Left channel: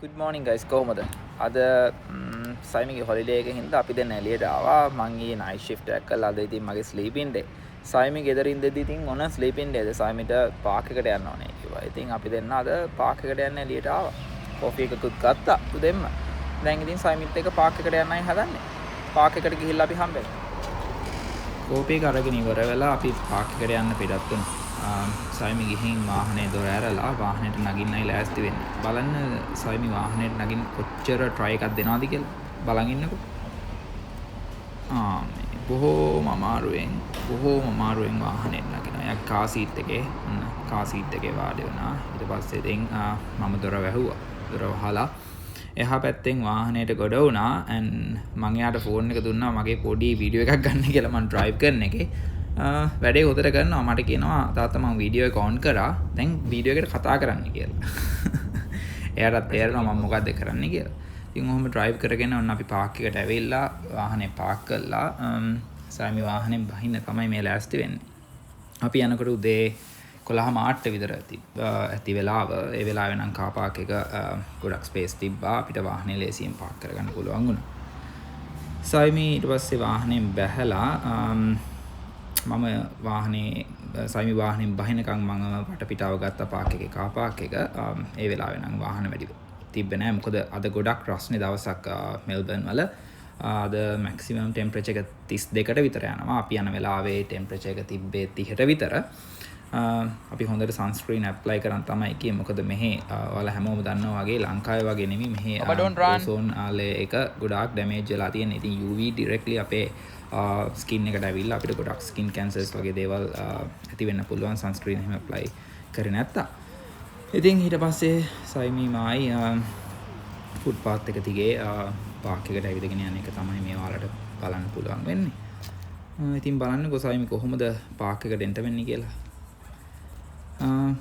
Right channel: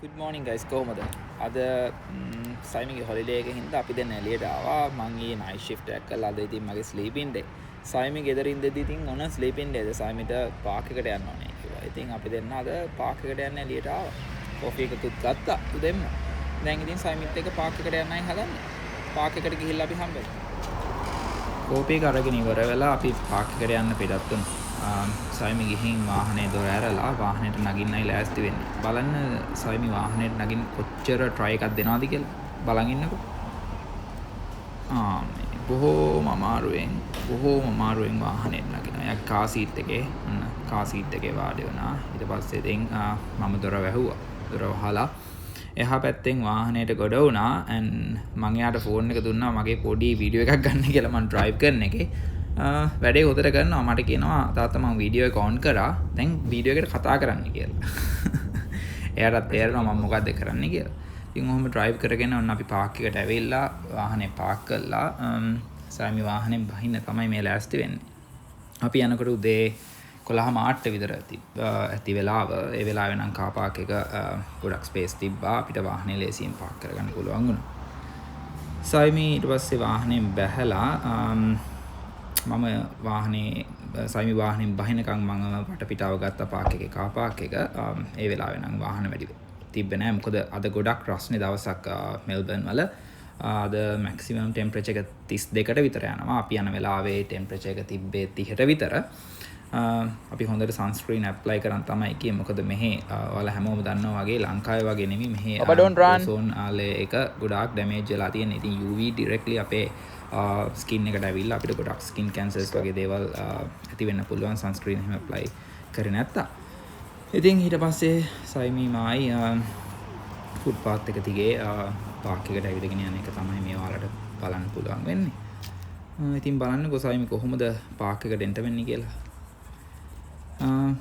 good morning guys කොහොමද අද සයිමිගේ holiday එකකින් හින්දා අපි දැන් එළියට ආවා මං ඊයේ night shift එකක් කළා අද ඉතින් මගේ sleeping day සයිමි ගෙදර ඉඳදී ඉතින් ඔන්න sleeping day සයිමිට පාක් එකට යන්න ඕනේ කිව්වා ඉතින් අපි දෙන්න අද පාක් එකට යන්න එළියට ආවා කොෆි එකකුත් ගත්තා අපි දෙන්න දැන් ඉතින් සයිමිත් එක්ක පාක් එකට යන්නයි හදන්නේ පාක් එකට ගිහිල්ලා අපි හම්බෙමු කෝපි එක අරගෙන ඉවර වෙලා අපි පාක් එකට යන්න පිටත් වුණා සයිමි ගිහින් වාහනේ දොර ඇරලා වාහනේට නගින්නයි ලෑස්ති වෙන්නේ. බලන්න සයිමි වාහනේට නගින්න කොච්චර try එකක් දෙනවද කියලා බලන් ඉන්නකෝ. මේ බොහෝම අමාරුවෙන් වාහනේට නගිනවා. එයා කාර් සීට් එකේ කාර් සීට් එකේ වාඩි වුණා. ඊට පස්සේ දැන් මම දොර වැහුවා. දොර වහලා එහා පැත්තෙන් වාහනේට ගොඩ වුණා and මම එයාට ෆෝන් එක දුන්නා මගේ පොඩි වීඩියෝ එකක් ගන්න කියලා මම drive කරන එකේ. වැඩේ උදට කරනවා මට කියනවා තාත්තා මම වීඩියෝ එක ඔන් කරා දැන් වීඩියෝ එකට කතා කරන්න කියලා. එයාටත් තේරෙනවා මම මොකද්ද කරන්න කියලා. ඉතින් ඔහොම drive කරගෙන ඔන්න අපි පාක් එකට ඇවිල්ලා වාහනේ පාක් කළා. සාමි වාහනේ බහින්න තමයි මේ ලෑස්ති වෙන්නේ. අපි යනකොට උදේ 11:08 විතර ඇති වෙලාව. ඒ වෙලාවේ නම් කාර් පාක් එක ගොඩක් ස්පේස් තිබ්බා. අපිට වාහනේ ලේසියෙන් පාක් කරගන්න පුළුවන් වුණා. සාමි ඊට පස්සේ වාහනේ බැහැලා මම වාහනේ සයිමි වාහනෙන් බහිනකම් මම වටපිටාව ගත්තා පාක් එකේ කාර් පාක් එක. ඒ වෙලාවේ නම් වාහන වැඩි තිබ්බේ නැහැ. මොකද අද ගොඩක් රස්නේ දවසක් මෙල්බර්න් වල. අද මැක්සිමම් ටෙම්පරේචර් එක 32ට විතර යනවා. අපි යන වෙලාවේ ටෙම්පරේචර් එක තිබ්බේ 30ට විතර. අපි හොඳට සන්ස්ක්‍රීන් ඇප්ලයි කරන් තමයි කියේ. මොකද මෙහි ඔයාලා හැමෝම දන්නවා වගේ ලංකාවේ වගේ නෙමෙයි මෙහි ඕසෝන් ආලේ එක ගොඩාක් ඩැමේජ් වෙලා තියෙන. ඉතින් UV ඩිරෙක්ට්ලි අපේ ස්කින් එකට ඇවිල්ලා අපිට ගොඩක් ස්කින් කැන්සර්ස් වගේ දේවල් ඇති වෙන්න පුළුවන් සන්ස්ක්‍රීන් එහෙම ඇප්ලයි කරේ නැත්තා. ඉතින් ඊට පස්සේ සයිමි මායි ෆුඩ් පාත් එක දිගේ පාක් එකට ඇවිදගෙන යන එක තමයි මේ ඔයාලට බලන්න පුළුවන් වෙන්නේ. ඉතින් බලන්නකෝ සයිමි කොහොමද පාක් එකට එන්ට වෙන්නේ කියලා.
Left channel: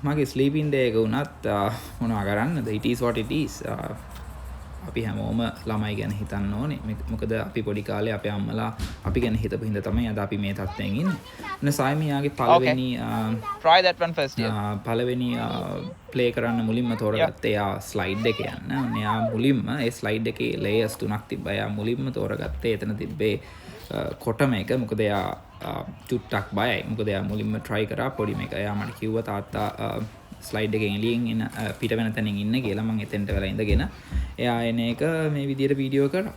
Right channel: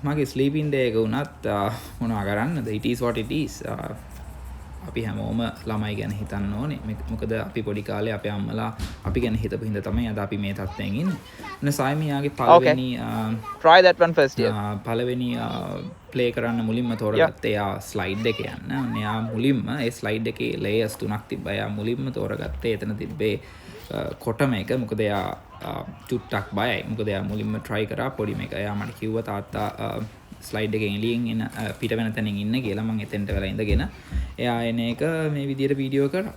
මගේ ස්ලීපින් ඩේ එක වුණත් මොනවා කරන්නද it is what it is. අපි හැමෝම ළමයි ගැන හිතන්න ඕනේ. මොකද අපි පොඩි කාලේ අපේ අම්මලා අපි ගැන හිතපු හින්දා තමයි අද අපි මේ තත්ත්වයෙන් ඉන්නේ. ඔන්න සයිමි යාගේ පළවෙනි try that one first. පළවෙනි ප්ලේ කරන්න මුලින්ම තෝරගත්තේ එයා ස්ලයිඩ් එක යන්න. ඔන්න එයා මුලින්ම ඒ ස්ලයිඩ් එකේ ලේයර්ස් 3ක් තිබ්බා. එයා මුලින්ම තෝරගත්තේ එතන තිබ්බේ කොටම එක. මොකද එයා චුට්ටක් බයයි. මොකද එයා මුලින්ම try කරා පොඩි මේක. එයා මට කිව්වා තාත්තා ස්ලයිඩ් එකෙන් එළියෙන් එන පිට වෙන තැනින් ඉන්න කියලා. මම එතෙන්ට වෙලා ඉඳගෙන එයා එන එක මේ විදියට වීඩියෝ කරා.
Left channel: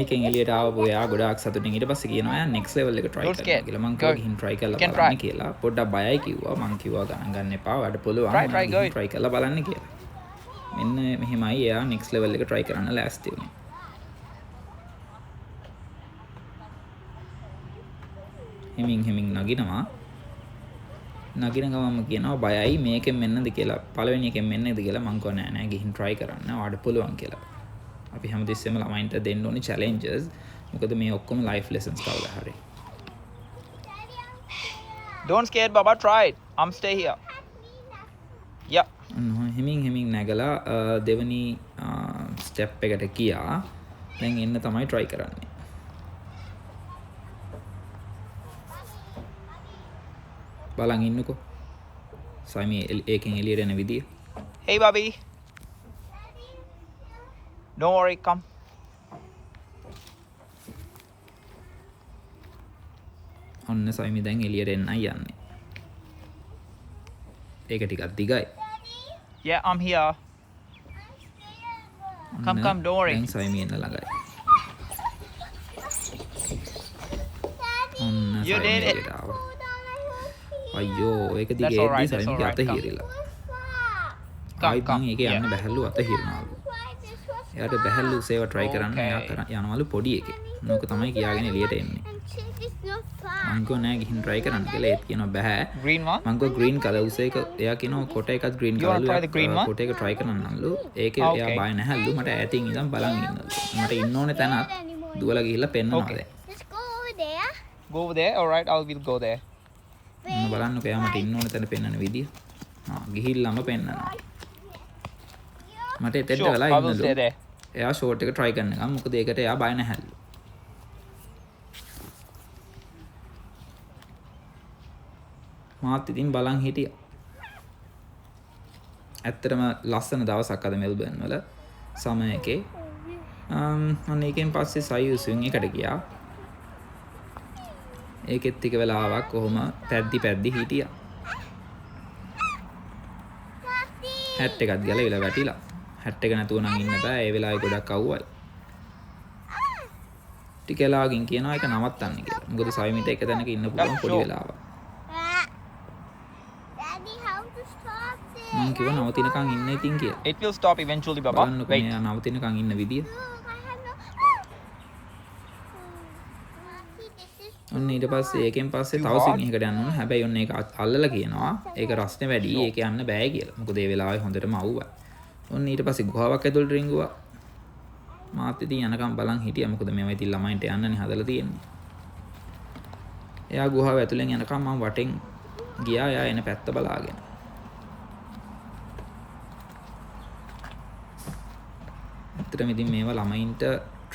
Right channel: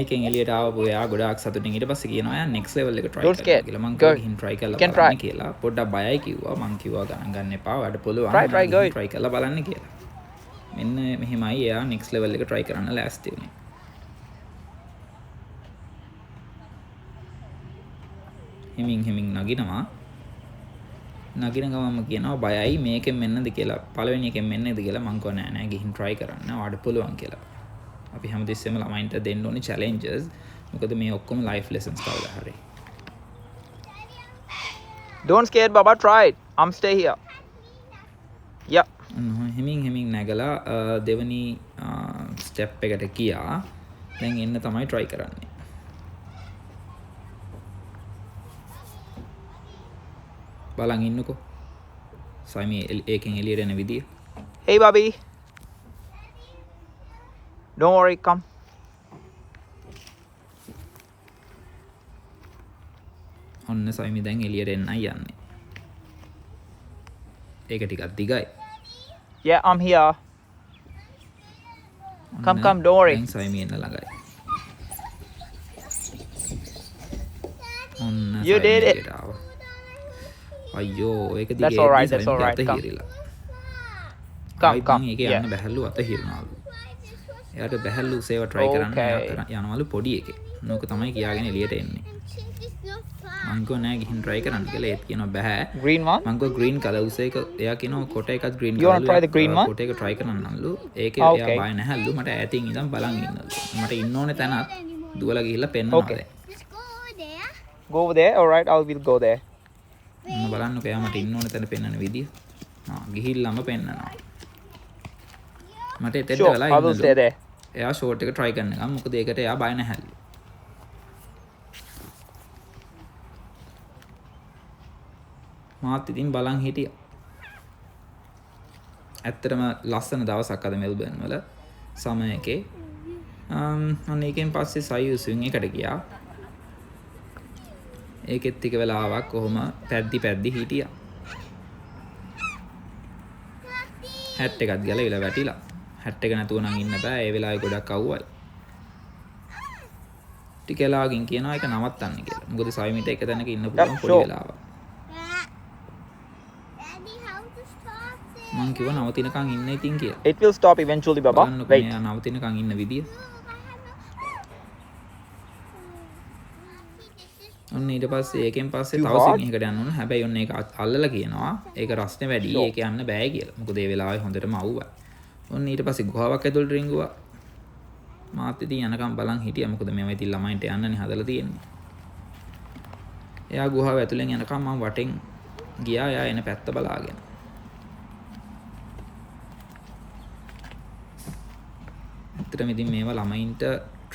ඒකෙන් එළියට ආවපු එයා ගොඩාක් සතුටින් ඊට පස්සේ කියනවා එයා next level එක try කරනවා කියලා. මං කිව්වා ගිහින් try කරලා බලන්න කියලා. පොඩ්ඩක් බයයි කිව්වා. මං කිව්වා ගණන් ගන්න එපා. වැඩ පුළුවන්. ගිහින් try කරලා බලන්න කියලා. මෙන්න මෙහෙමයි එයා next level එක try කරන්න ලෑස්ති වුණේ. හිමින් නගිනවා. නගින ගමම කියනවා බයයි මේකෙන් මෙන්නද කියලා. පළවෙනි එකෙන් මෙන්නද කියලා මං කිව්වා නෑ ගිහින් try කරන්න. ඔයාලට පුළුවන් කියලා. අපි හැමදෙස්සෙම ළමයින්ට දෙන්න ඕනේ challenges. මොකද මේ ඔක්කොම life lessons කවදා හරි. Don't scared Baba, try it. I'm stay here. Yeah. හිමින් නැගලා දෙවනි ස්ටෙප් එකට ගියා. දැන් එන්න තමයි try කරන්නේ. බලන් ඉන්නකෝ. සයිමි ඒකෙන් එළියට එන විදිය. Hey Bobby. Don't worry, come. ඔන්න සයිමි දැන් එළියට එන්නයි යන්නේ. ඒක ටිකක් දිගයි. Yeah, I'm here. Come, don't worry. දැන් සයිමි එන්න ළඟයි. ඔන්න You සයිමි did it. එළියට ආවා. අයියෝ ඒක දිගේ That's all right, එද්දි සයිමිගේ අත come. හිරිලා. ආයිත් මං ඒකේ යන්න බැහැල්ලු අත හිරනවලු. එයාට බැහැල්ලු සේව try කරන්න එයා යනවලු පොඩි එකේ. නෝක තමයි කියාගෙන එළියට එන්නේ. මං කිව්වා නෑ ගිහින් try කරන්න කියලා. ඒත් කියනවා බෑ. Green one? මං කිව්වා green color උස එක එයා කියනවා කොට එකත් green You want colorලු. to try the green one? කොට එක try කරන්නම්ලු. ඒකේ Okay. එයා බය නැහැලු. මට ඈතින් ඉඳන් බලන් ඉන්නලු. මට ඉන්න ඕනේ තැනත් දුවලා ගිහිල්ලා පෙන්නනවා Okay. දැන්. Just go over there. Go over there. All right, I will go there. ඔන්න බලන්නකෝ එයා මට ඉන්න ඕනේ තැන පෙන්නන විදිය. ගිහිල්ලාම පෙන්නනවා. මට එතෙන්ට Sure, වෙලා I will ඉන්නලු. stay there. එයා ෂෝට් එක try කරන ගමන් මොකද ඒකට එයා බය නැහැලු. මාත් ඉතින් බලන් හිටියා. ඇත්තටම ලස්සන දවසක් අද මෙල්බර්න් වල සමය එකේ. අන්න ඒකෙන් පස්සේ සයි ස්විං එකට ගියා. ඒකෙත් ටික වෙලාවක් කොහොම පැද්දි හිටියා. හැට් එකත් ගැලවිලා වැටිලා. හැට් එක නැතුව නම් ඉන්න බෑ. ඒ වෙලාවේ ගොඩක් අවුවයි. ටික වෙලාවකින් කියනවා ඒක නවත්තන්න කියලා. මොකද සයිමිට එක තැනක ඉන්න පුළුවන් පොඩි වෙලාවක්. මං කිව්වා නවතිනකන් ඉන්න ඉතින් කියලා. It will stop eventually, Baba. බලන්නකො Wait. මෙයා නවතිනකන් ඉන්න විදිය. ඔන්න ඊට පස්සේ ඒකෙන් පස්සේ තව ස්විං එකකට යන්න ඕන. හැබැයි ඔන්න ඒක අල්ලලා කියනවා ඒක රස්නේ වැඩි. ඒක යන්න බෑ කියලා. මොකද ඒ වෙලාවේ හොඳටම අවුවයි. ඔන්න ඊට පස්සේ ගුහාවක් ඇතුළට රිංගුවා. මාත් ඉතින් යනකම් බලන් හිටියා. මොකද මේවා ඉතින් ළමයින්ට යන්නනේ හදලා තියෙන්නේ. එයා ගුහාව ඇතුලෙන් යනකම් මම වටෙන් ගියා. එයා එන පැත්ත බලාගෙන. ඇත්තටම ඉතින් මේවා ළමයින්ට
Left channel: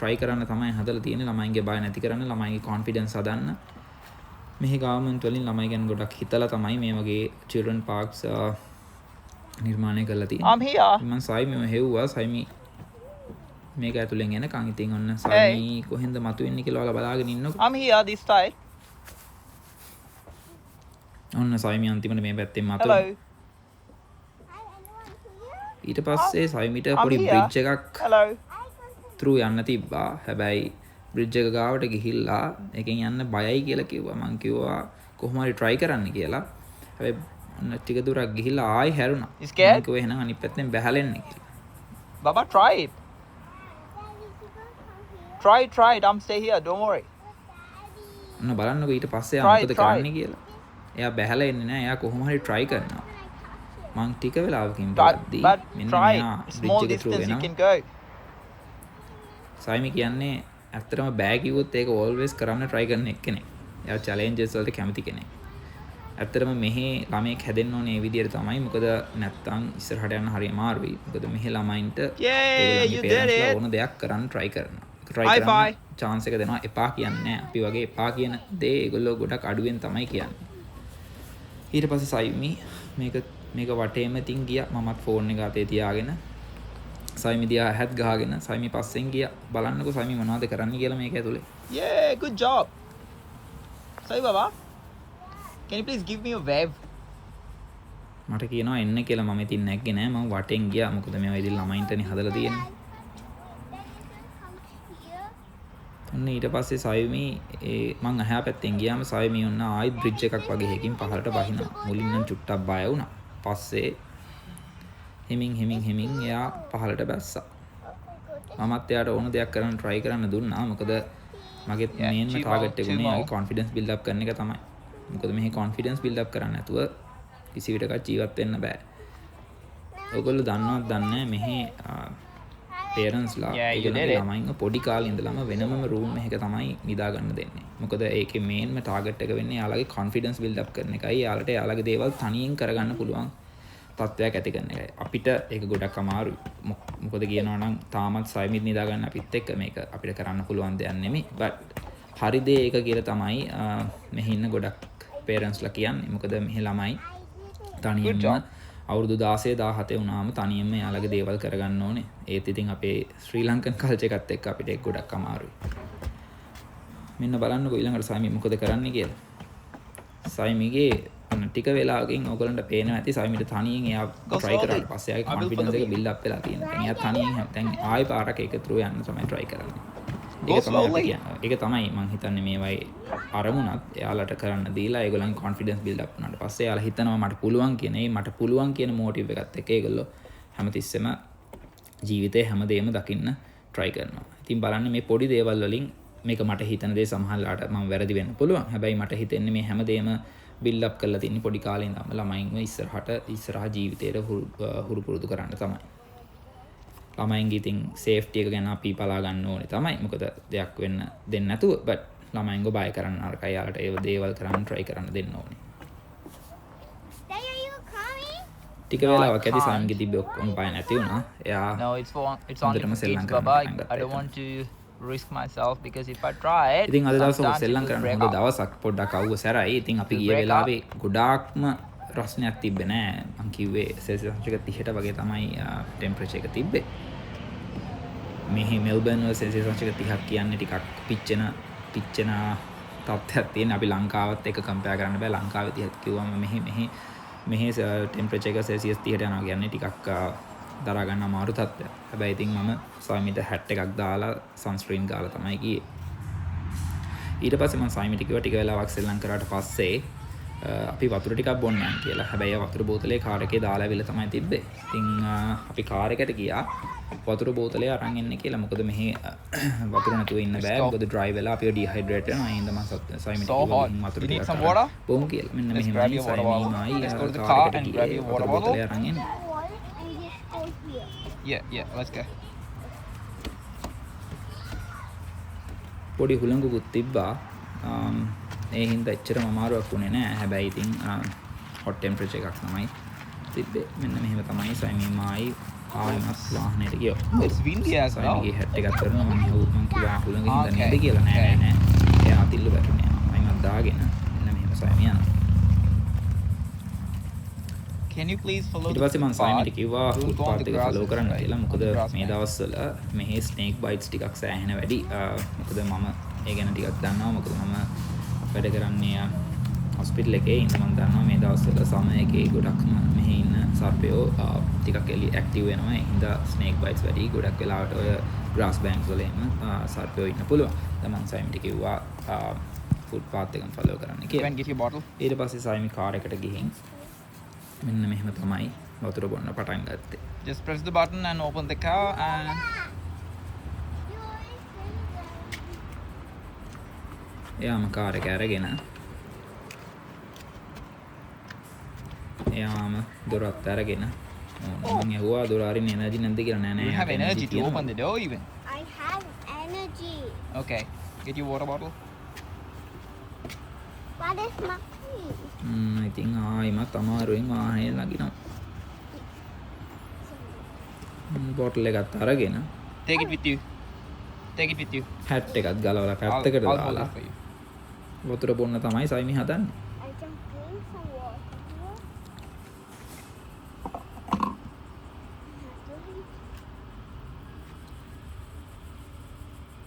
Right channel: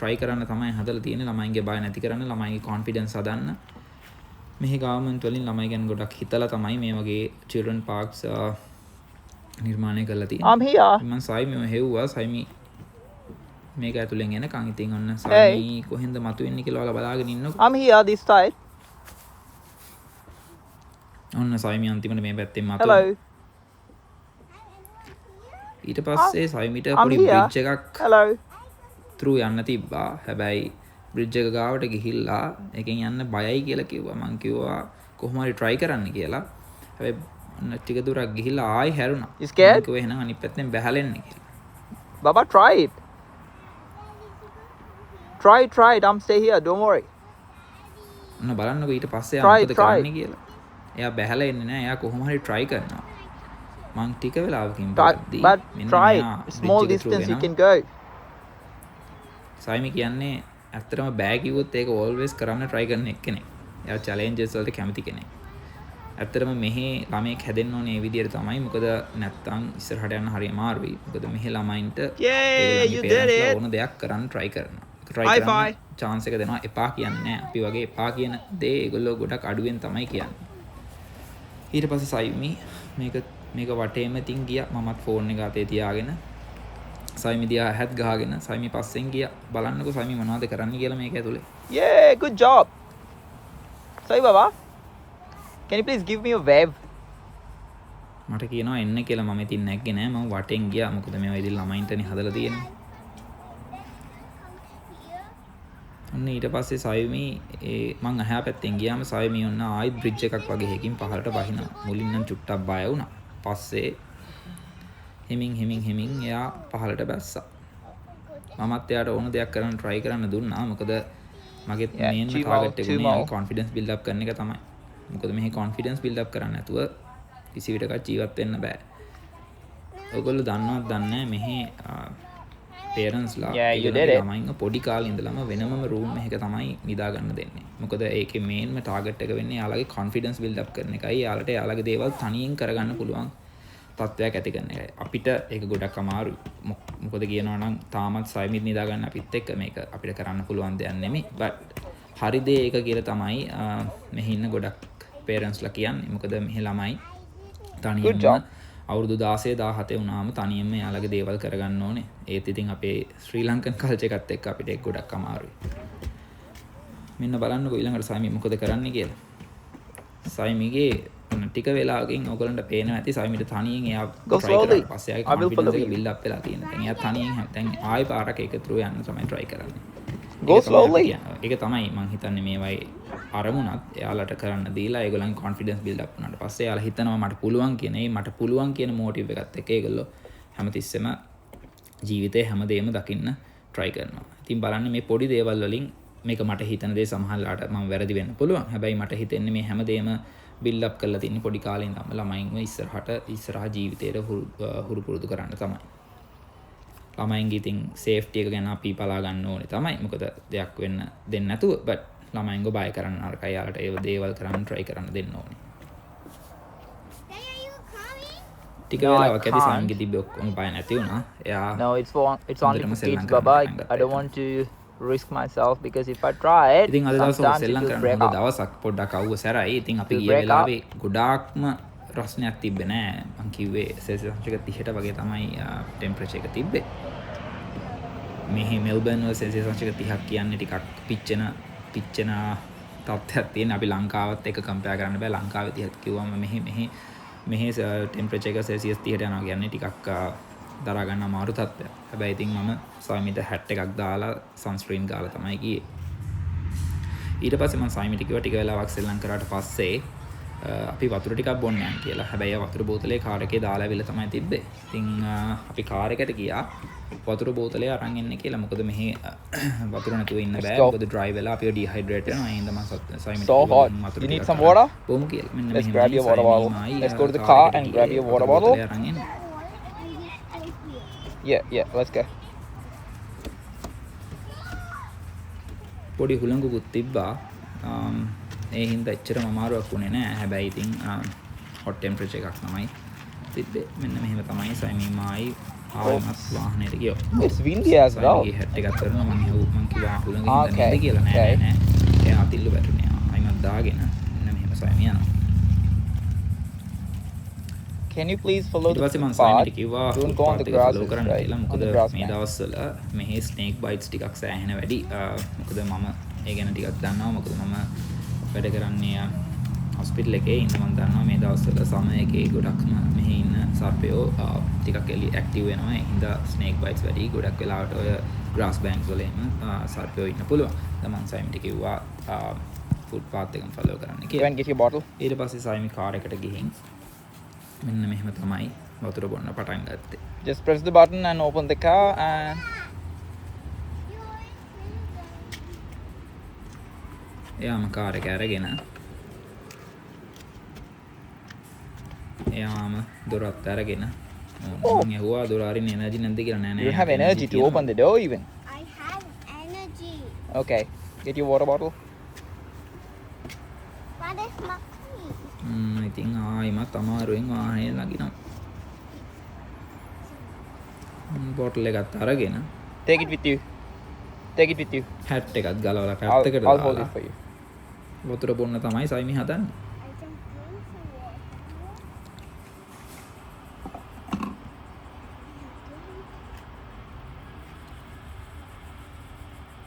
try කරන්න තමයි හදලා තියෙන්නේ. ළමයින්ගේ බය නැති කරන්න, ළමයින්ගේ confidence හදන්න. මෙහි government වලින් ළමයි ගැන ගොඩක් හිතලා තමයි මේ වගේ children parks නිර්මාණය කරලා තියෙන්නේ. I'm here. මම සයිමි හෙව්වා. සයිමි මේක ඇතුලෙන් එනකන් ඉතින් ඔන්න සයිමි කොහෙන්ද මතුවෙන්නේ කියලා ඔයාලා බලාගෙන ඉන්නකො. I'm here this side. ඔන්න සයිමි අන්තිමට මේ පැත්තෙන් මතුවෙනවා. Hello. ඊට පස්සේ සයිමිට පොඩි බ්‍රිජ් එකක් Hello. through යන්න තිබ්බා. හැබැයි බ්‍රිජ් එක ගාවට ගිහිල්ලා එකෙන් යන්න බයයි කියලා කිව්වා. මං කිව්වා කොහොම හරි try කරන්න කියලා. හැබැයි ඔන්න ටික දුරක් ගිහිල්ලා ආයි හැරුණා. You scared? මං කිව්වා එහෙනම් අනිත් පැත්තෙන් බැහැලෙන්න කියලා. Baba, try it. Try it. I'm stay here. Don't worry. ඔන්න බලන්නකෝ ඊට පස්සේ ආ මොකද කරන්නේ කියලා. එයා බැහැලා එන්නේ නැහැ. එයා කොහොම හරි try කරනවා. මං ටික වෙලාවකින් බලද්දී මෙන්න try මෙයා it. බ්‍රිජ් Small එක through distance you වෙනවා. can go. සයිමි කියන්නේ ඇත්තටම බෑ කිව්වොත් ඒක always කරන්න try කරන එක්කෙනෙක්. එයා challenges වලට කැමති කෙනෙක්. ඇත්තටම මෙහි ළමයෙක් හැදෙන්න ඕනේ මේ විදිහට තමයි. මොකද නැත්තම් ඉස්සරහට යන්න හරි අමාරුයි. මොකද මෙහි ළමයින්ට Yay, you did it. ඕන දෙයක් කරන්න try කරනවා. try High කරන්න five. chance එක දෙනවා. එපා කියන්නේ නැහැ. අපි වගේ එපා කියන දේ ඒගොල්ලෝ ගොඩක් අඩුවෙන් තමයි කියන්නේ. ඊට පස්සේ සයිමි මේක වටේම තින් ගියා. මමත් ෆෝන් එක අතේ තියාගෙන සයිමි දිහා හැත් ගහගෙන සයිමි පස්සෙන් ගියා. බලන්නකෝ සයිමි මොනවද කරන්න කියලා මේක ඇතුලේ. Yeah, good job. Sorry, Baba. Can you please give me a wave? මට කියනවා එන්න කියලා. මම ඉතින් නැග්ගේ නෑ. මම වටෙන් ගියා. මොකද මේවා ඉතින් ළමයින්ටනේ හදලා තියෙන්නේ. ඔන්න ඊට පස්සේ සයිමි මං අහා පැත්තෙන් ගියාම සයිමි ඔන්න ආයි බ්‍රිජ් එකක් වගේ එකකින් පහළට බහිනවා. මුලින් නම් චුට්ටක් බය වුණා. පස්සේ හිමින් එයා පහළට බැස්සා. මමත් එයාට ඕන දෙයක් කරන්න try කරන්න දුන්නා. මොකද මගේ මේන්ම ටාගට් එක උනේ යාගේ confidence build up කරන එක තමයි. මොකද මෙහි confidence build up කරන්න නැතුව කිසි විටක ජීවත් වෙන්න බෑ. ඔයගොල්ලෝ දන්නවත් දන්නේ මෙහි පේරන්ස්ලා ඒගොල්ලන්ගේ ළමයින්ව පොඩි කාලේ ඉඳලම වෙනමම රූම් එකක තමයි නිදා ගන්න දෙන්නේ. මොකද ඒකේ මේන්ම ටාගට් එක වෙන්නේ යාළගේ confidence build up කරන එකයි. යාළට යාළගේ දේවල් තනියෙන් කරගන්න පුළුවන් තත්ත්වයක් ඇති කරන එකයි. අපිට ඒක ගොඩක් අමාරුයි. මොකද කියනවා නම් තාමත් සයිමිත් නිදා ගන්න අපිත් එක්ක මේක අපිට කරන්න පුළුවන් දෙයක් නෙමෙයි. but හරි දේ ඒක කියලා තමයි මෙහි ඉන්න ගොඩක් පේරන්ස්ලා කියන්නේ. මොකද මෙහි ළමයි තනියෙන්ම අවුරුදු 16 17 වුණාම තනියෙන්ම යාළගේ දේවල් කරගන්න ඕනේ. ඒත් ඉතින් අපේ ශ්‍රී ලංකන් කල්චර් එකත් එක්ක අපිට ඒක ගොඩක් අමාරුයි. මෙන්න බලන්නකෝ ඊළඟට සයිමි මොකද කරන්නේ කියලා. සයිමිගේ ටික වෙලාවකින් ඔයගලන්ට පේනවා ඇති සයිමිට තනියෙන් එයා try කරලා පස්සේ ආයේ confidence එක build up වෙලා තියෙනවා. දැන් එයා තනියෙන් දැන් ආයෙ පාරක් එක through යන්න තමයි try කරන්නේ. ඒක තමයි අපි කියන්නේ. ඒක තමයි මම හිතන්නේ මේවයි අරමුණත් එයාලට කරන්න දීලා ඒගොල්ලන් confidence build up වුණාට පස්සේ එයාලා හිතනවා මට පුළුවන් කියන ඒ මට පුළුවන් කියන motive එකත් එක්ක ඒගොල්ලෝ හැමතිස්සෙම ජීවිතේ හැමදේම දකින්න try කරනවා. ඉතින් බලන්න මේ පොඩි දේවල් වලින් මේක මට හිතන දේ සමහරලාට මම වැරදි වෙන්න පුළුවන්. හැබැයි මට හිතෙන්නේ මේ හැමදේම build up කරලා තින්නේ පොඩි කාලේ ඉඳන්ම ළමයින්ව ඉස්සරහ ජීවිතේට හුරු පුරුදු කරන්න තමයි. ළමයින්ගේ ඉතින් සේෆ්ටි එක ගැන අපි බලා ගන්න ඕනේ තමයි. මොකද දෙයක් වෙන්න දෙන්නේ නැතුව but ළමයින්ව බය කරන්න නරකයි. යාලට ඒ දේවල් කරන්න try කරන්න දෙන්න ඕනේ. ටික වෙලාවක් ඇති සයින්ගේ තිබ්බ ඔක්කොම බය නැති වුණා. එයා No, it's on හොඳටම සෙල්ලම් කරන්න Baba. පටන් ගත්තා. I don't want to risk myself because if I try it, ඉතින් අද I'm දවසේ starting සෙල්ලම් to කරන්න break හොඳ out. දවසක්. පොඩ්ඩක් අවුව සැරයි. ඉතින් අපි ගිය වෙලාවේ ගොඩාක්ම රස්නයක් තිබ්බේ නෑ. මං කිව්වේ සෙල්සියස් අංශක 30ට වගේ තමයි ටෙම්පරේචර් එක තිබ්බේ. මෙහි මෙල්බර්න් වල සෙල්සියස් අංශක 30ක් කියන්නේ ටිකක් පිච්චෙන තත්ත්වයක් තියෙන. අපි ලංකාවත් එක්ක කම්පෙයාර් කරන්න බෑ. ලංකාවේ 30ක් කිව්වම මෙහි ටෙම්පරේචර් එක සෙල්සියස් 30ට යනවා කියන්නේ ටිකක් දරා ගන්න අමාරු තත්ත්වයක්. හැබැයි ඉතින් මම සයිමිට හැට් එකක් දාලා සන්ස්ක්‍රීන් ගාලා තමයි ගියේ. ඊට පස්සේ මම සයිමිට කිව්වා ටික වෙලාවක් සෙල්ලම් කරාට පස්සේ අපි වතුර ටිකක් බොන්න යන්න කියලා. හැබැයි වතුර බෝතලේ කාර් එකේ දාලා ඇවිල්ලා තමයි තිබ්බේ. ඉතින් අපි කාර් එකට ගියා වතුර බෝතලේ අරන් එන්න කියලා. මොකද මෙහි වතුර නැතුව ඉන්න බෑ. මොකද ඩ්‍රයිව් වෙලා අපිව ඩිහයිඩ්‍රේට් වෙනවා. ඒ හින්දා මම සයිමිට කිව්වා වතුර ටිකක් අරන් බොමු කියලා. මෙන්න මෙහෙමයි සයිමීමයි කාර් එකට ගියේ වතුර බෝතලේ අරන් එන්න. Yeah, let's go. පොඩි හුළඟකුත් තිබ්බා. ඒ හින්දා එච්චරම අමාරුවක් වුණේ නෑ. හැබැයි ඉතින් හොට් ටෙම්පරේචර් එකක් තමයි තිබ්බේ. මෙන්න මෙහෙම තමයි සයිමීමයි ආයෙමත් වාහනේට ගියා. It's windy as well. සයිමීගේ හැට් එකක් කරනවා මම කිව්වා හුළඟ හින්දා නේද කියලා. නෑ. එයා අතිල්ල වැටුනේ. ආයෙමත් දාගෙන මෙන්න මෙහෙම සයිමී යනවා. Can you please follow? ඊට පස්සේ මම සයිමිට කිව්වා ෆුට්පාත් එක ෆලෝ කරන්න කියලා. මොකද මේ දවස්වල මෙහි ස්නේක් බයිට්ස් ටිකක් සෑහෙන වැඩි. මොකද මම ඒ ගැන ටිකක් දන්නවා. මොකද මම වැඩ කරන්නේ හොස්පිටල් එකේ ඉන්න. මම දන්නවා මේ දවස්වල සමය එකේ ගොඩක්ම මෙහි ඉන්න සර්පයෝ ටිකක් ඇක්ටිව් වෙනවා. ඒ හින්දා ස්නේක් බයිට්ස් වැඩි. ගොඩක් වෙලාවට ඔය ග්‍රාස් බැංක්ස් වල එහෙම සර්පයෝ ඉන්න පුළුවන්. දැන් මම සයිමිට කිව්වා ෆුට්පාත් එකම ෆලෝ කරන්න කියලා. ඊට පස්සේ සයිමි කාර් එකට ගිහින් මෙන්න මෙහෙම තමයි වතුර බොන්න පටන් ගත්තේ. Just press the button and open the car and එයාම කාර් එක අරගෙන එයාම දොරත් අරගෙන මම ඇහුවා දොර අරින්න එනර්ජි නැද්ද කියලා. නෑ you have energy to open the door even. I have energy. Okay, get your water bottle. What is my key? ඉතින් ආයිමත් අමාරුවෙන් වාහනේ නගිනවා. බෝටල් එකත් අරගෙන Take it with you. Take it with you. Hat එකත් ගලවලා පැත්තකට I'll hold දාලා it for you. වතුර බොන්න තමයි සයිමි හදන්නේ. I can drink some water.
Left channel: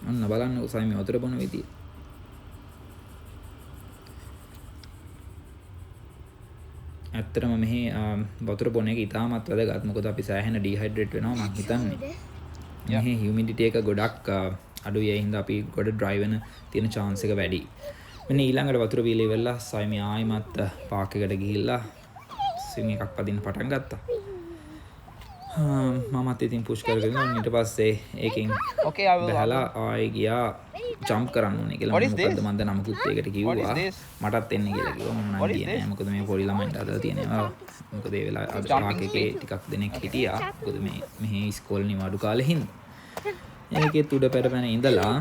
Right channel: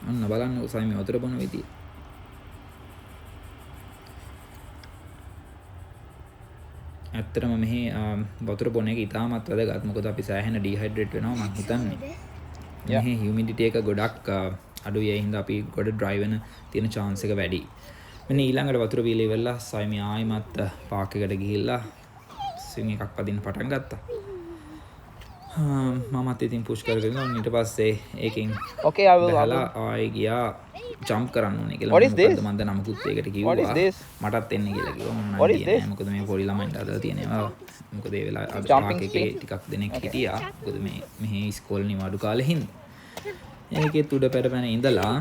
ඔන්න බලන්නකෝ සයිමි වතුර බොන විදිය. ඇත්තටම මෙහි වතුර බොන එක ඉතාමත් වැදගත්. මොකද අපි සෑහෙන ඩිහයිඩ්‍රේට් වෙනවා මං හිතන්නේ. මෙහි හියුමිඩිටි එක ගොඩක් අඩුයි. ඒ හින්දා අපි ගොඩ ඩ්‍රයිව් වෙන තියෙන chance එක වැඩි. මෙන්න ඊළඟට වතුර බීලා ඉවරලා සයිමි ආයිමත් පාක් එකට ගිහිල්ලා ස්විං එකක් පදින්න පටන් ගත්තා. මමත් ඉතින් පුෂ් කරගෙන ඊට පස්සේ ඒකෙන් Okay, I will. බහලා ආයෙ ගියා ජම්ප් කරන්න ඕනේ කියලා. What is මොකද්ද මන්ද නමකුත් ඒකට කිව්වා. What is this? මටත් එන්න කියලා කිව්වා. මම නම් What is ගියේ නෑ. මොකද මේ පොඩි ළමයින්ට අදලා තියෙනවා. මොකද ඒ වෙලාවේ පාක් එකේ ටිකක් දෙනෙක් හිටියා. මොකද මෙහි ඉස්කෝලේ නිවාඩු කාලේ හින්දා. ඒකෙත් උඩ පැටපැන ඉඳලා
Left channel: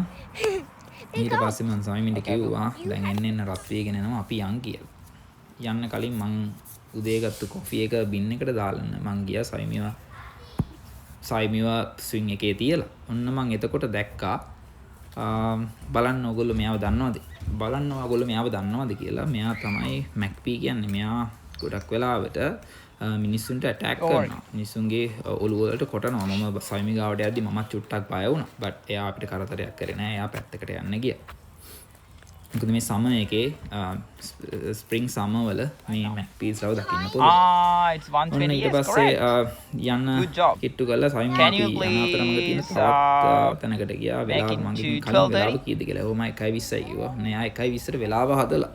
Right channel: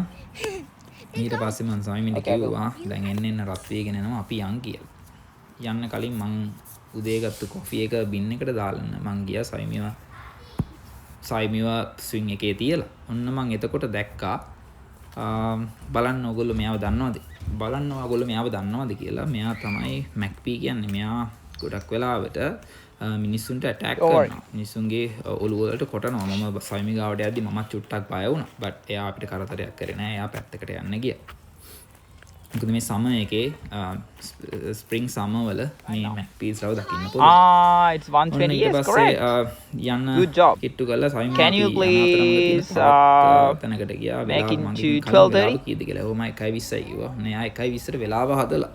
ඊට පස්සේ මං සයිමින්ට කිව්වා දැන් එන්න රත් වේගෙන එනවා අපි යන් කියලා. යන්න කලින් මං උදේ ගත්ත කොෆි එක බින් එකට දාලා මං ගියා සයිමිව ස්විං එකේ තියලා. ඔන්න මං එතකොට දැක්කා බලන්න ඔයගොල්ලෝ මෙයාව දන්නවද? බලන්න ඔයගොල්ලෝ මෙයාව දන්නවද කියලා. මෙයා තමයි මැක්පී කියන්නේ. මෙයා ගොඩක් වෙලාවට මිනිස්සුන්ට ඇටැක් කරනවා. මිනිස්සුන්ගේ ඔළුව වලට කොටනවා. මම සයිමි ගාවට යද්දි මමත් චුට්ටක් බය වුණා. බට් එයා අපිට කරදරයක් කරේ නෑ. එයා පැත්තකට යන්න ගියා. මොකද මේ සම එකේ ස්ප්‍රින්ග් සම වල මේ මැක්පීස් රව දකින්න පුළුවන්. It's one ඔන්න ඊට පස්සේ යන්න Good job. කිට්ටු කරලා සයිමි Can අපි you යන අතරමඟ තියෙන please, තවත් තැනකට ගියා. වෙලාව make it මගේ to කලින් 12? වෙලාව කීයද කියලා. ඔහොම 1:20යි කිව්වා. නේ ආ 1:20ට වෙලාව හදලා.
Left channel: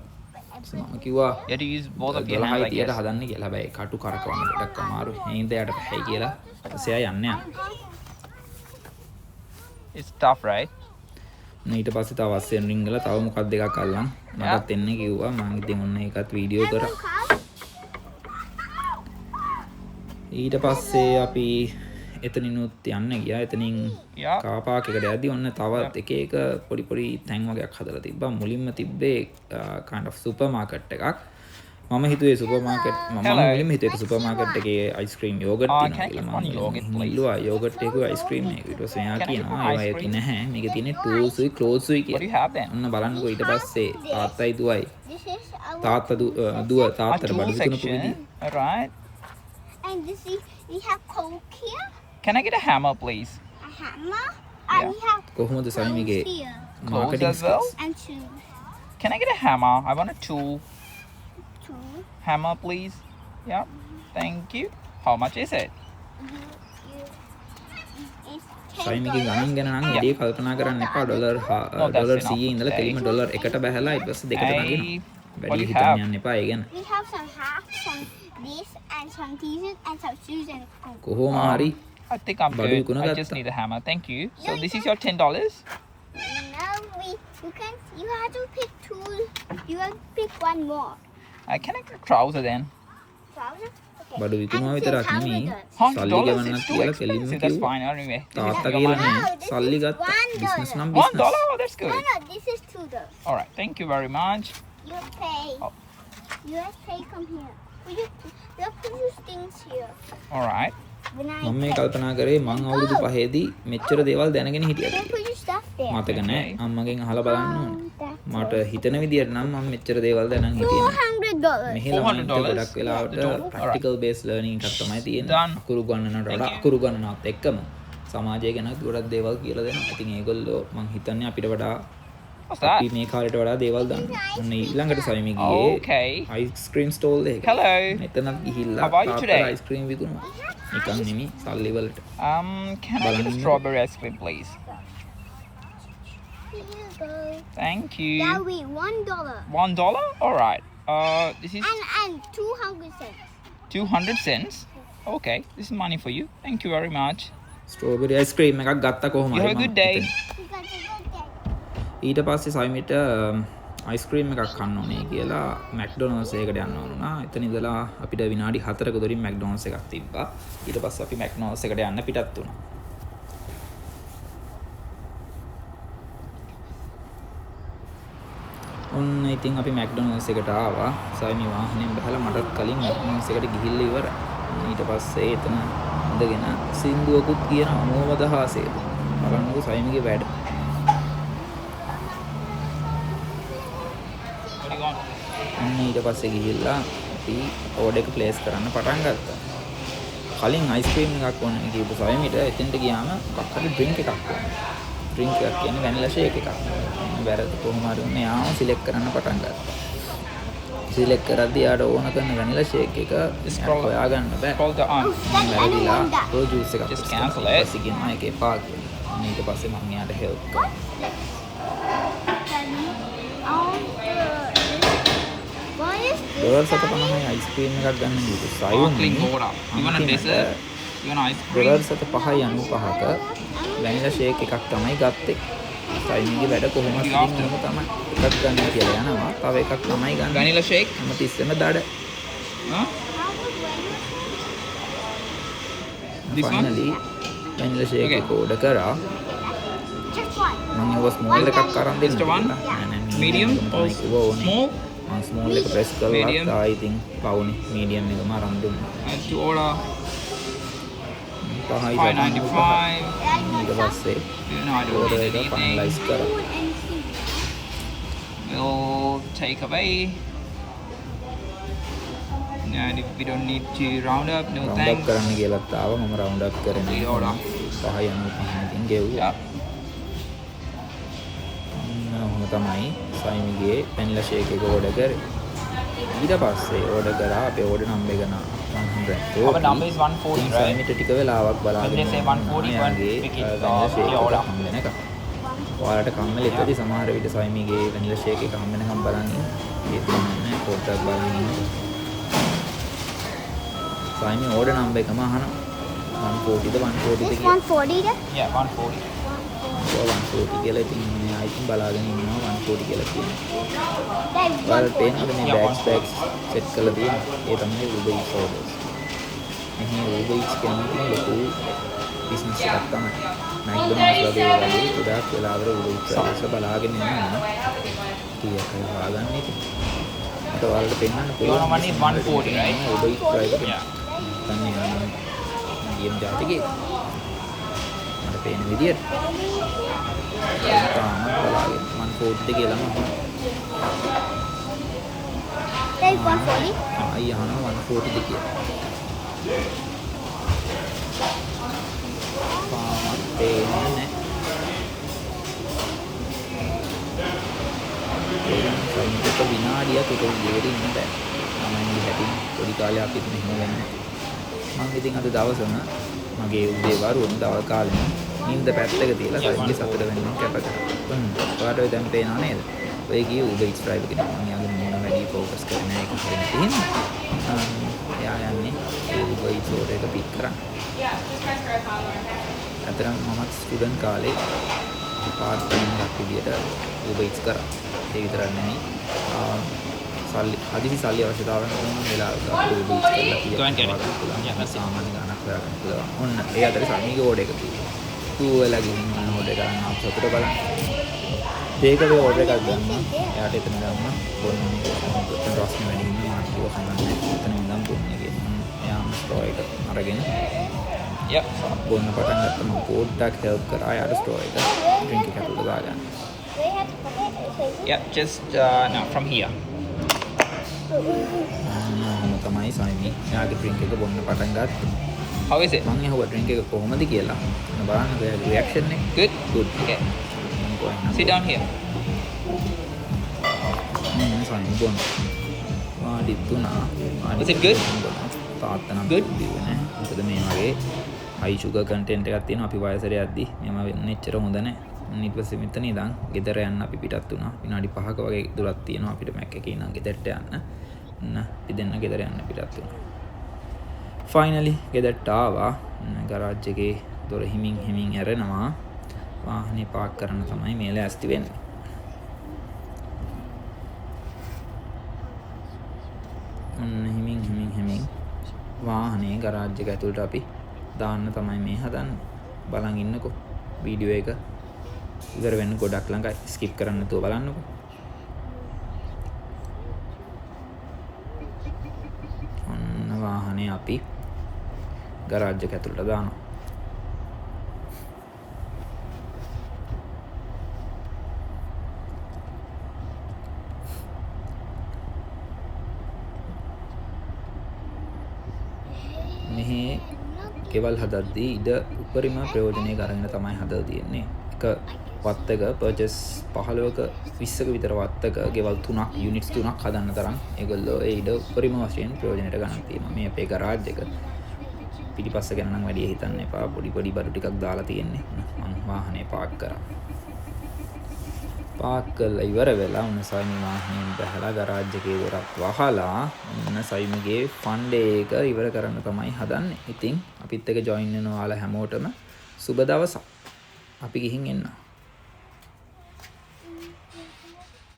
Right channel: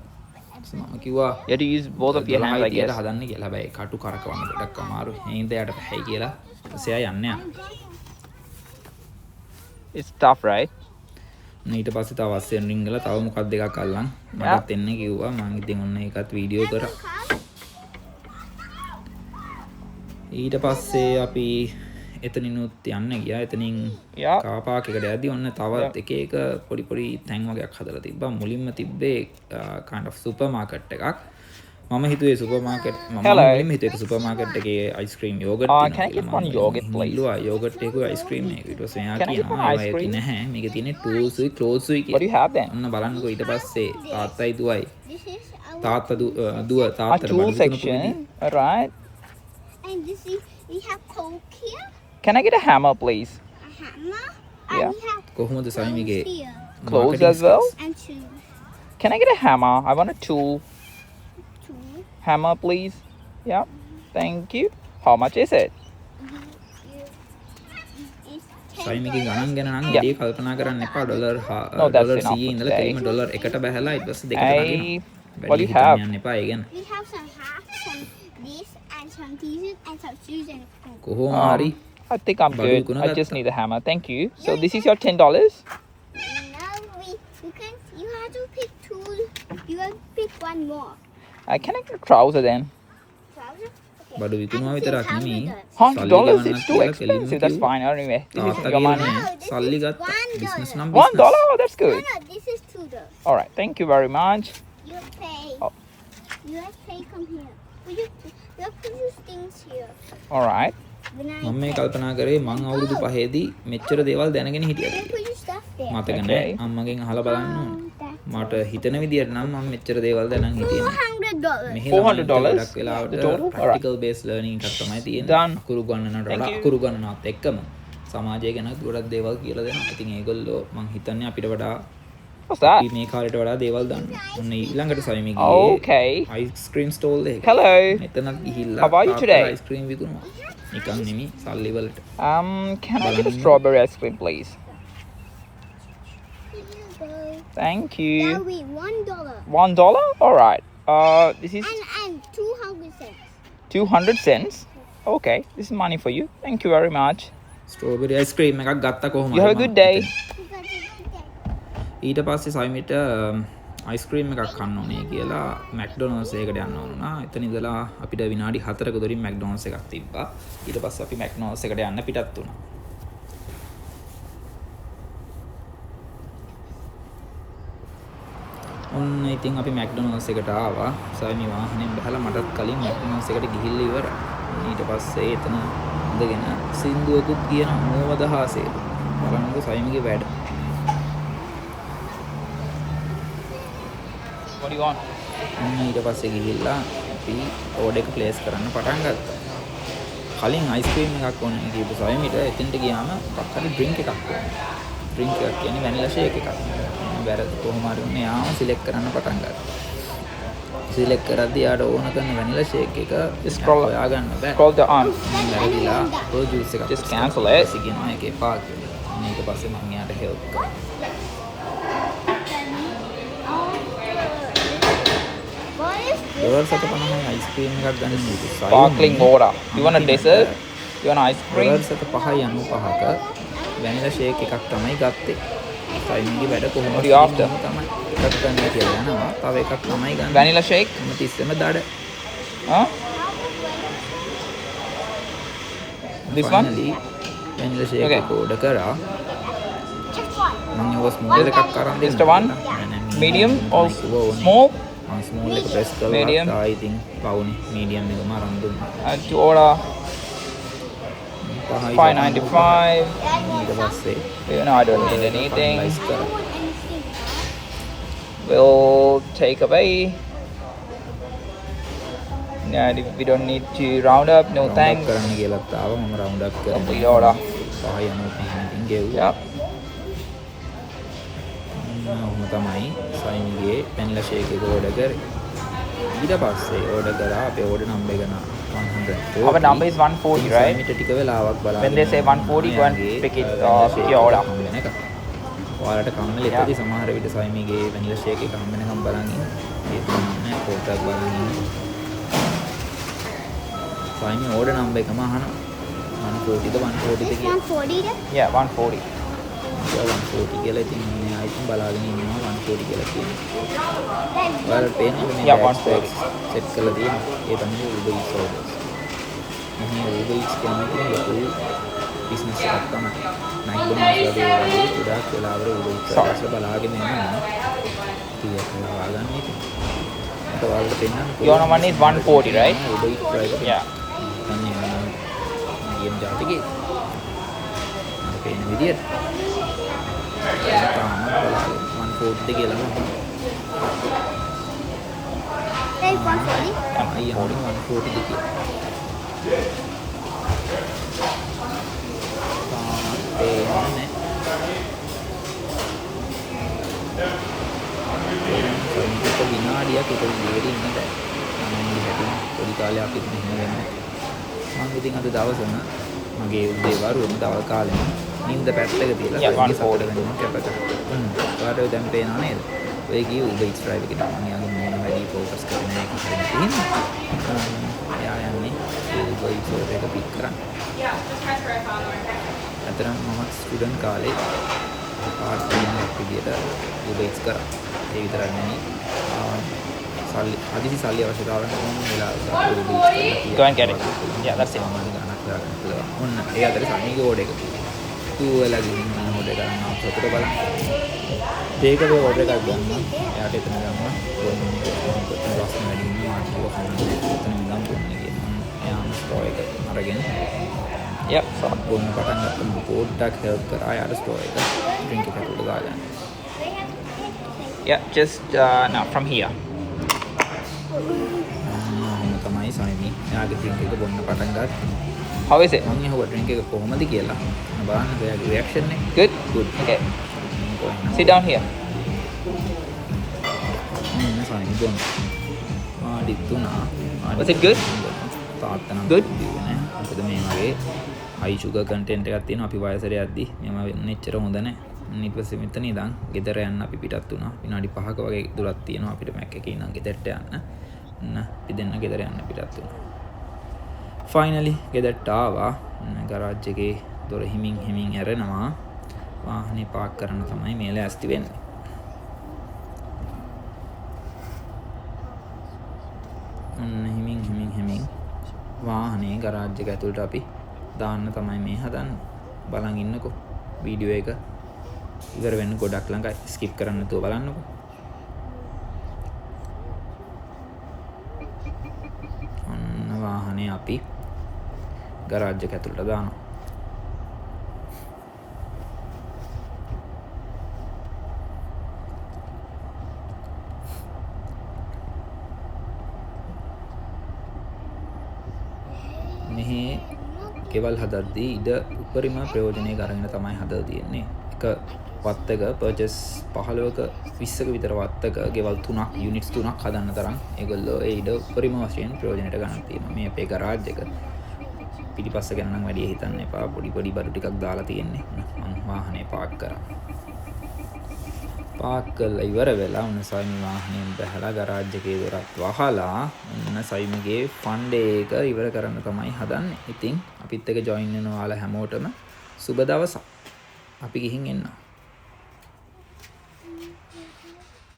මම කිව්වා You have to use both of them. 12යි 30ට හදන්න කියලා. හැබැයි කටු කරකවන්න ගොඩක් අමාරුයි. ඒ හින්දා යාට බැහැ කියලා. ඊපස්සේ ආ යන්න යනවා. It's tough, right? ඊට පස්සේ තව අස්සෙන් රින්ගලා තව මොකක් දෙකක් අල්ලන් මටත් එන්න කිව්වා. මම ඉතින් ඔන්න ඒකත් වීඩියෝ කරා. ඊට පස්සේ අපි එතනිනුත් යන්න ගියා. එතනින් Yeah. කාර් පාක් එකට යද්දි ඔන්න තව එක එක පොඩි තැන් වගේක් හදලා තිබ්බා. මුලින්ම තිබ්බේ kind of සුපර් මාකට් එකක්. මම හිතුවේ සුපර් මාකට් මම මුලින්ම හිතුවේ සුපර් මාකට් එකේ අයිස්ක්‍රීම් යෝගට් තියෙනවා කියලා. මම මුලින්ම ඉල්ලුවා යෝගට් එකේ අයිස්ක්‍රීම් එක. ඊට පස්සේ එයා කියනවා ඒවා ඒක නැහැ. මේකේ තියෙන්නේ ටූල්ස්ුයි ක්ලෝත්ස්ුයි What do you කියලා. have then? ඔන්න බලන්නකෝ ඊට පස්සේ තාත්තයි දුවයි This is a තාත්තා දුව තාත්තට බඩු විකුණපු විදිය. All right. And this is, we have Coke here, Can I get a hammer, please? a hammer, Yeah. and we have කොහොමද සයිමිගේ clothes here, marketing as well? Skills? and shoes. Can I get a hammer? I want a tool. Two. Hammer, please. Yeah. Thank you. How much is it? It's සයිමිගේ ගණන් ගැන නම් වැඩි කල්පනා කරන්න එපා. Dollar dollar 100 ඉඳලා කෙලිම ඩොලර් 1ට බහැලා ඊට පස්සේ 2ට නගිනවා. What do වැඩි you හිතන්න have? යන්න එපා ඒ ගැන. We have some hats, some this, and some t-shirts, and some shoes, and Coke. කොහොම හරි I think I'm බඩු good. විකුණ I just ගත්තා. need a hammer. Thank you. So No, this you is your $10. Now you have to pick two. You have to pick one more. I can I get a trouser then? Trouser? Okay. බඩු විකුණුවා And විතරක් $10. නෙමෙයි $100 සල්ලි is ගෙවන්නත් too කියලා කෙලින්ම expensive. That's කිව්වා. fine. Anyway. තාත්තා කියලා නෑ Wow, this සල්ලි is ගත්තා. $1. බිස්නස් නම් $1? Business. Oh, that's No, good. no, this is $2. All right. Thank you very much. You pay. Oh. You pay. Come here. Will you look at these things here? All right. When I මම මේ pay. කල්පනා කරේ මං අවුරුදු 5ේදී මෙච්චර දේවල් දැනගෙන හිටියද Then put your stuff there. මතක නෑ අම්මගෙන් අහලා බලන්න ඕනේ. That's මට හිතන විදියට නම් මම මෙච්චර දේවල් දැනන් හිටියේ නෑ. $400. මෙහි ළමයින්ට $400? ගොඩක් වෙලාවට ප්‍රැක්ටිකල් බේස් ලර්නින් එකක් තමයි තියෙන්නේ. Done. අකුරු ගණනට වඩා අකුරු ගණනත් එක්කම සමාජය ගැන ගොඩක් දේවල් කියලා දෙනවා. ඉතින් ඒගොල්ලෝ මං හිතන්නේ අපිට වඩා What's that? අපි මේ කාලේට වඩා දේවල් දන්න. ඔන්න ඊළඟට සයිමි ගියේ Okay. අයිස්ක්‍රීම් ස්ටෝල් එකකට. Hello. මෙතනත් ගිහිල්ලා How are you තාත්තට today? අයිස්ක්‍රීම් විකුණුවා. නිකන් නෙමෙයි සල්ලි වලට. Can I get a Balangin. strawberry ice cream, please? Here you go. Thank That you. will be $1. $1? All right. This is And 200 cents. 200 cents. Okay. This is money for you. Thank you very much. Strawberry ice cream එකක් ගත්තා කොහොම You හරි have a මම good day. එතනින්. You got a good day. ඊට පස්සේ සයිමිට ice cream එකක් කන්න ඕනේ කියලා මැක්ඩොනල්ඩ්ස් එකකට යන්න ඕන වුණා. එතන ඉඳලා අපිට විනාඩි 4ක දොරින් මැක්ඩොනල්ඩ්ස් එකක් තිබ්බා. ඊට පස්සේ අපි මැක්ඩොනල්ඩ්ස් එකට යන්න පිටත් වුණා. ඔන්න ඉතින් අපි මැක්ඩොනල්ඩ්ස් එකට ආවා. සයිමි වාහනයෙන් බහලා මටත් කලින් මැක්ඩොනල්ඩ්ස් එකට ගිහිල්ලා ඉවරයි. ඊට පස්සේ එතන ඉඳගෙන සින්දුවකුත් කියන අනුවදහාසය. බලන්නකෝ සයිමිගේ වැඩ. What do you want? ඔන්න ඊට පස්සේ ගිහිල්ලා අපි ඕඩර් එක ප්ලේස් කරන්න පටන් ගත්තා. කලින් අයිස්ක්‍රීම් එකක් ඕනේ කියපු සයිමිට එතෙන්ට ගියාම මොකක් හරි ඩ්‍රින්ක් එකක් ඕනේ. ඩ්‍රින්ක් එකක් කියන්නේ වැනිලා ෂේක් එකක්. ඔන්න වැරද්ද කොහොම හරි ඔන්න යාම සිලෙක්ට් කරන්න පටන් ගත්තා. සිලෙක්ට් කරද්දී යාට ඕන කරන වැනිලා ෂේක් එක හොයාගන්න බෑ. Call the aunt. වැරදිලා ඕ ජූස් එකක් Just ප්‍රෙස් cancel කරලා it. ඊට පස්සේ කියනවා ඒක එපා කියලා. ඔන්න ඊට පස්සේ මම යාට හෙල්ප් කරා. ඩොලර් 750යි අයිස්ක්‍රීම් එකක් ගන්න කිව්වා. Sparkling water. You want a අන්තිමට dessert? You want ice cream? Dollar 795ක වැනිලා ෂේක් එකක් තමයි ගත්තේ. සයිමිගේ වැඩ කොහොමද ඉතින් කොහොම තමයි එකක් ගන්න කියලා යනවා. තව එකක් තමයි ගන්න. Vanilla shake? හැම තිස්සෙම දඩ. Huh? This one? Finally vanilla shake එක ඕඩර් කරා. මම ඒව ස්මෝල් එකක් අරන් දෙන්න Just the one? කියලා. නෑ නෑ Medium මීඩියම් or තමයි කිව්වා ඕනේ. small? මම ස්මෝල් එක ප්‍රෙස් කරලා Medium? තායි ඉතින් පවුනේ මීඩියම් එකම අරන් දුන්නා. And you order 5යි $5.95. ඊට පස්සේ You know, I don't order order එක ෆයිනලයිස් anything. කරා. We'll take away. Yeah, if we don't need to round up, no round up thanks. කරන්න කියලාත් ආවා. මම රවුන්ඩ් අප් කරේ නෑ. යෝරා. 5.95 ඉතින් ගෙව්වා. ඔහොම තමයි සයිමිගේ වැනිලා ෂේක් එක ඕඩර් කරේ. ඊට පස්සේ ඕඩර් කරා අපේ ඕඩර් නම්බර් එක 140. Our number is 140, ඉතින් right? සයිමිට ටික වෙලාවක් බලාගෙන When they say 140, යාගේ pick it. Vanilla shake Yeah, එක order. හම්බ වෙනකම්. ඔයාලට කම්මැලි එතදී සමහර විට සයිමිගේ වැනිලා ෂේක් එක හම්බ වෙනකම් බලන් ඉන්න. ඒ තුනන්නේ පොඩ්ඩක් බලන් ඉන්න. සයිමි ඕඩර් නම්බර් එකම අහනවා. 140ද 140ද කියලා. 140 then? Yeah, 140. 140 කියලා ඉතින් එයා ඉතින් බලාගෙන ඉන්නවා 140 කියලා කියන්නේ. ඔයාලට පේනවද මේ Yeah, බෑග්ස් බෑග්ස් සෙට් කරලා තියෙනවා. ඒ තමයි Uber Eats orders. මෙහි Uber Eats කියන්නේ ඉතින් ලොකු බිස්නස් එකක් තමයි. McDonald's වගේ ගොඩාක් වෙලාවර Uber Eats ඩ්‍රයිවර්ස්ලා බලාගෙන ඉන්නවා. කීයක් හරි හොයාගන්න ඉතින්. මට ඔයාලට පෙන්නන්න පුළුවන්. You want money 140, right? Uber Eats driver කෙනෙක්. Yeah. හිතන්නේ යා නම් medium ජාතිකේ. මට පේන විදියට. තාමත් බලාගෙන 140ද කියලාම අහනවා. ආයි අහනවා 140ද කියලා. තාමත් පේන්නේ නැහැ. පේනවා විනාඩියක් එක විදිහකට ඉන්න බෑ. ළමයින්ගේ හැටින් පොඩි කාලේ අපිත් මෙහෙම වෙන්නේ. මම ඉතින් අද දවසම මගේ උදේ වරුවම දවල් කාලෙම නිින්ද පැත්තක තියලා සයින්ගේ සතුට වෙනින් කැප කරා. ඔයාලට ඔය දැන් පේනව නේද? ඔය ගියේ Uber Eats driver කෙනෙක්. මම යාගේ මොන වැඩි ફોකස් කරේ නැහැ ඒක හරියට තියෙනවා. එයා යන්නේ ඒ Uber Eats order එක පික් කරන්න. අතරම මම ස්ටුඩන්ට් කාලේ පාර්ට් ටයිම් එකක් විදියට Uber Eats කරා. ඒ විතරක් නෙමෙයි හදිසි සල්ලි අවශ්‍යතාවයන් ඕන වෙලාවක Uber Eats කරලා කියලා සාමාන්‍ය ගාණක් හොයාගන්න පුළුවන්. ඔන්න ඒ අතරේ සල්මිගේ ඕඩර් එක කිව්වා. තුවලා ගිහින් ඔන්න ඕඩර් කරන්න ආපු සතුට බලන්න. ටේක් අවේ ඕඩර් එකක් ගන්නවා. එයාට එතන ගම්මා බොන්න ඕනේ කොහොමද රස්නේ වැඩි හින්දා මාත් කිව්ව කමන්නේ. එතන ඉඳන් බොන්නේ කියලා. ඔන්න එයාම ස්ට්‍රෝ එක අරගෙන බොන්න පටන් ගත්තා. මම පොඩ්ඩක් හෙල්ප් කරා යාට ස්ට්‍රෝ එක ඩ්‍රින්ක් එක ඇතුළට දාගන්න. just now from here. ඔහොම තමයි සයිමි එයාගේ ඩ්‍රින්ක් එක බොන්න පටන් ගත්තා. How is it? මං අහුවා ඩ්‍රින්ක් එක කොහොමද කියලා. ඔන්න බලන්න එයාගේ රියැක්ෂන් එක. Good. Okay. Sit down here. සයිමි බොන්න. වාඩි තුනා. Is it good? තාත්තා නම් බිව්වේ නැහැ. මොකද මේ වගේ high sugar content එකක් තියෙනවා. අපි වයසට යද්දි මේව වෙන්න එච්චර හොඳ නැහැ. ඊට පස්සේ මෙතන ඉඳන් ගෙදර යන්න අපි පිටත් වුණා. විනාඩි 5ක වගේ දුරක් තියෙනවා අපිට මැක් එකේ ඉඳන් ගෙදරට යන්න. අපි දෙන්න ගෙදර යන්න පිටත් වුණා. ෆයිනලි ගෙදරට ආවා. ගරාජ් එකේ දොර හිමින් ඇරෙනවා. වාහනේ පාක් කරන්න තමයි මේ ලෑස්ති වෙන්නේ. හිමින් වාහනේ ගරාජ් එක ඇතුළට අපි දාන්න තමයි මේ හදන්නේ. බලන් ඉන්නකෝ වීඩියෝ එක ඉවර වෙන්න ගොඩක් ළඟයි. ස්කිප් කරන්න නැතුව බලන්නකෝ. ඔන්න වාහනේ අපි ගරාජ් එක ඇතුළට දානවා. මෙහි කෙවල් හදද්දී ඉඩ උපරිම ප්‍රයෝජනය අරගෙන තමයි හදලා තියෙන්නේ. එක වත්තක පර්චස් 15ක 20ක විතර වත්තක ගෙවල් 3ක් යුනිට්ස් 3ක් හදන්න තරම් ඒගොල්ලෝ ඒ ඉඩ උපරිම වශයෙන් ප්‍රයෝජනයට ගන්න තියෙනවා. මේ අපේ ගරාජ් එක පිටිපස්ස ගැන නම් වැඩි හිතන්න එපා. පොඩි බඩු ටිකක් දාලා තියෙන්නේ. මම වාහනේ පාක් කරා. පාක් කරලා ඉවර වෙලා ඔන්න සයිමි වාහනයෙන් බැහැලා ගරාජ් එකේ දොරත් වහලා ඔන්න සයිමිගේ ෆන් ඩේ එක ඉවර කරන්න තමයි හදන්නේ. ඉතින් අපිත් එක්ක ජොයින් වෙන ඔයාලා හැමෝටම සුබ දවසක්. අපි ගිහින් එන්නවා.